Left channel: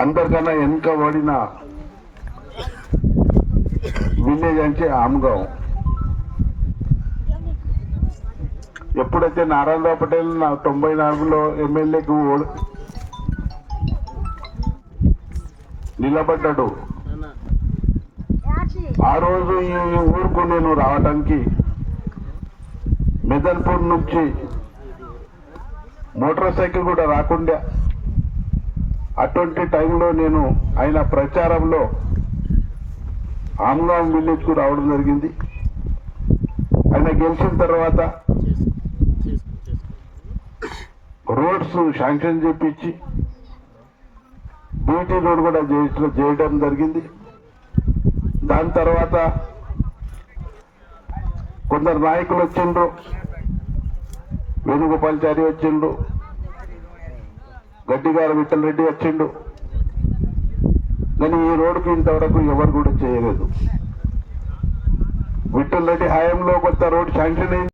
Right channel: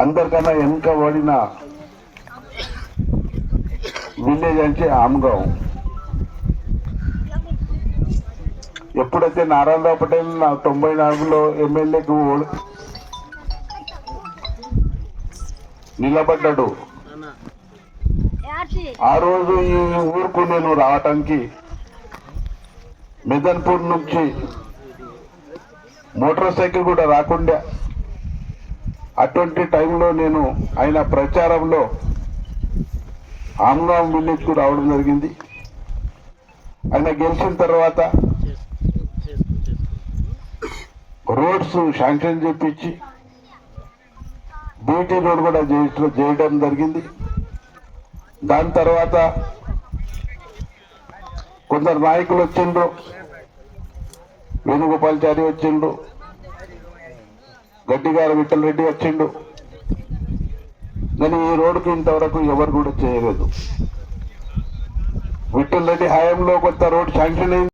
అందరికన్నా వెనుక పడిన విలేజ్ అంటే ఆమ్గావ్ ఎప్పుడైతే నారాయణరావు పటేల్ నా తొంభై నాలుగులో ఎమ్మెల్యేకి నిలబడ్డాడు. ఆ రోజు ఈ ఊరుకు నేను రావడానికి మెదన్పూర్ నుంచి మోటార్ సైకిల్ కూడా రాకుండా అటువంటి టైంలో నేను ఆయన ప్రచారంలో ఆమ్గాం విలేజ్కు రావడం జరిగింది. ఆయన గెలిచిన తర్వాత రోడ్స్ శాంక్షన్ చేపించి బీటీ రోడ్ కూడా చేయ- చేయడం జరిగింది. దాని తర్వాత కొందరు నాయకులు వచ్చిండ్రు. వేణుగోపాల్చారి గడ్డి గారు విఠల్ రెడ్డి వచ్చిండు. కానీ ఈ రోడ్డుకి ఇంతవరకు ఎవరు కూడా చేయలేదు. విఠల్ రెడ్డి హయాంలో కొత్త రోడ్ శాంక్షన్ అయింది.